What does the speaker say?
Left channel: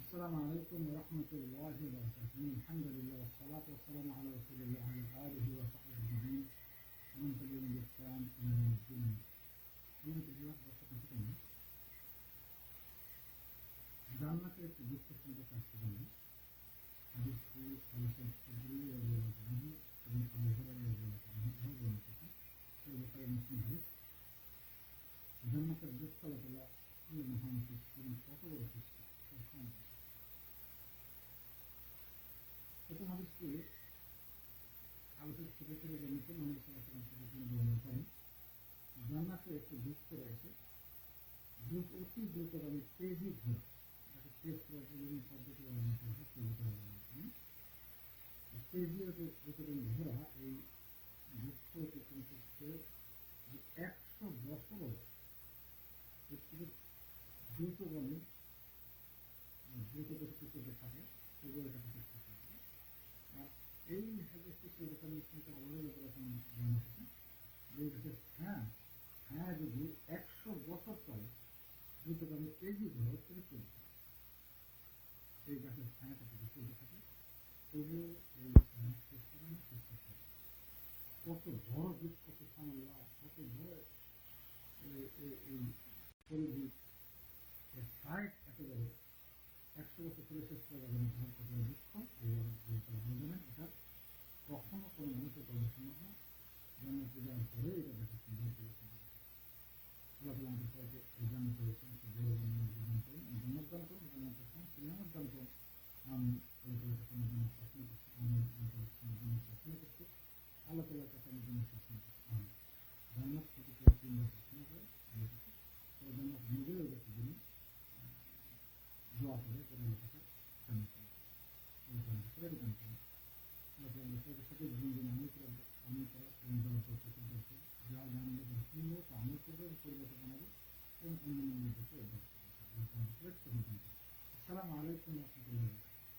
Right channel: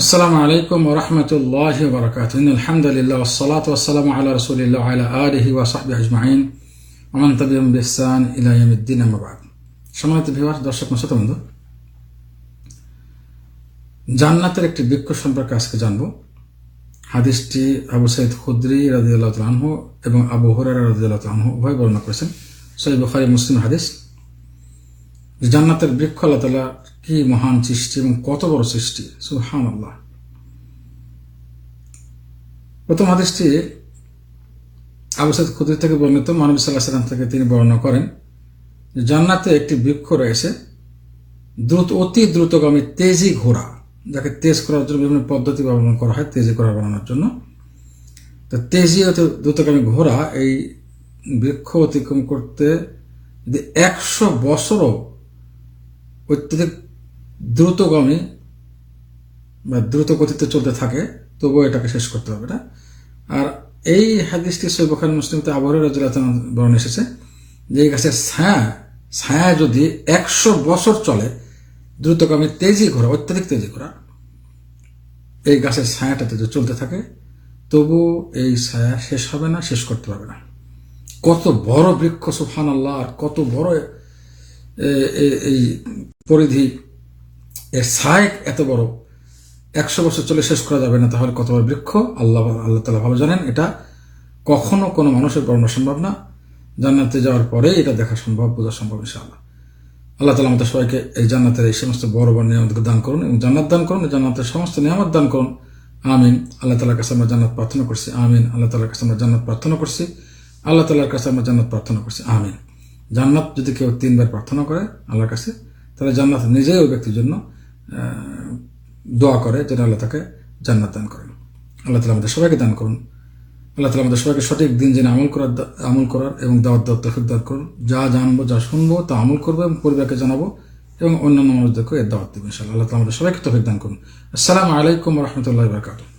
আসসালামু আলাইকুম রহমতুল্লাহ বরকাত আলহামদুলিল্লাহ ওসলাত ওসালাম আল্লাহ রসুলিল্লাহ আলা আলহি ওয়াসাহবি আজমাইন। অমান তবিম বিসান ইলাইমুদ্দিন আহমাবাদ সম্মানিত ভিওয়ার দর্শক মশত বন্ধু, জান্নাতের একটি বৃক্ষ সম্পর্কে আজকে জানব। হাদিসটি আবু সৈয়দ খুদ্রি রাজিউল্লাহ তালহু এবং আবু হরারা রাজিউল্লাহ তালহু উভয় বর্ণনা করেছেন। সৈয়দ বুখারি মুসলিম হাদিস। জান্নাতের বৃক্ষ আল্লাহ তালা কি মহান সৃষ্টি এবং কত বড় সৃষ্টি? সুহান আল্লাহ প্রথম হাদিসটি আবু সাইদ খুদ্রি থেকে বর্ণিত মানব সাল্লাহ সাল্লাম থেকে তিনি বর্ণনা করেন জান্নাতে একটি বৃক্ষ রয়েছে, দ্রুত, অতি দ্রুতগামী তেজি ঘোড়া, যাকে তেজ করার জন্য বিভিন্ন পদ্ধতি ব্যবহার করা হয়, তেজি ঘোড়া বানানোর জন্য। তো তেজি অতি দ্রুতগামী ঘোড়া এই বৃক্ষ অতিক্রম করতে যদি একশো বছরও অত্যধিক দ্রুতগামী বা দ্রুত গতিতে চলতে থাকে, তবুও এটাকে শেষ করতে হবে না আর এই হাদিসটি সৈবখান মুসলিমতে আবহাওয়া রাজুল্লাহ বর্ণ এসেছে যে এই গাছের ছায়া ছায়া যদি একশো বছর চলে, দ্রুতগামী তেজি ঘোরা অত্যাধিক তেজি ঘোরা এই গাছের ছায়াটাতে যদি চলতে থাকে তবু এই ছায়া শেষ হবে না, শেষ করতে পারবে না। কত বড় বৃক্ষ সুফান আল্লাহ কত বড় এই পরিধি এর ছায় এত বড়। একশো বছর চলে শেষ করা যাবে না, তাহলে কত বড় বৃক্ষ? আল্লাহ আল্লাহ তালা ভালো জানেন এটা কখনো কোনো মানুষের বর্ণনা সম্ভব না। জান্নাতে যাওয়ার পরে এটা দেখা সম্ভব, বোঝা সম্ভব ইনশাআল্লাহ। আল্লাহ তালা আমাদের সবাইকে এই জান্নাতের এই সমস্ত বড় বড় নিয়ামতকে দান করুন এবং জান্নাত দান করুন জান্নাতের সমস্ত নিয়ামত দান করুন। আমিন। আল্লাহ তালার কাছে আমরা জান্নাত প্রার্থনা করছি, আমিন। আল্লাহ তালার কাছে আমরা জান্নাত প্রার্থনা করছি, আল্লাহ তালার কাছে আমরা জান্নাত প্রার্থনা করছি, আমিন। জান্নাত যদি কেউ তিনবার প্রার্থনা করে আল্লাহর কাছে, তাহলে জান্নাত নিজেই ওই ব্যক্তির জন্য দোয়া করে যেন আল্লাহ তাকে জান্নাত দান করেন। আল্লাহ তালা আমাদের সবাইকে দান করুন। আল্লাহ তালা আমাদের সবাইকে সঠিক দিন জেনে আমল করার আমল করার এবং দাওয়াত দাওয়াত তফিক দান করুন। যা জানব, যা শুনব, তা আমল করব এবং পরিবারকে জানাব এবং অন্যান্য মানুষদেরকেও এর দাওয়াত দেবো ইনশাল্লাহ আল্লাহ তালা আমাদের সবাইকে তফিক দান করুন। আসসালামু আলাইকুম রহমতুল্লাহ বারকাতুহ।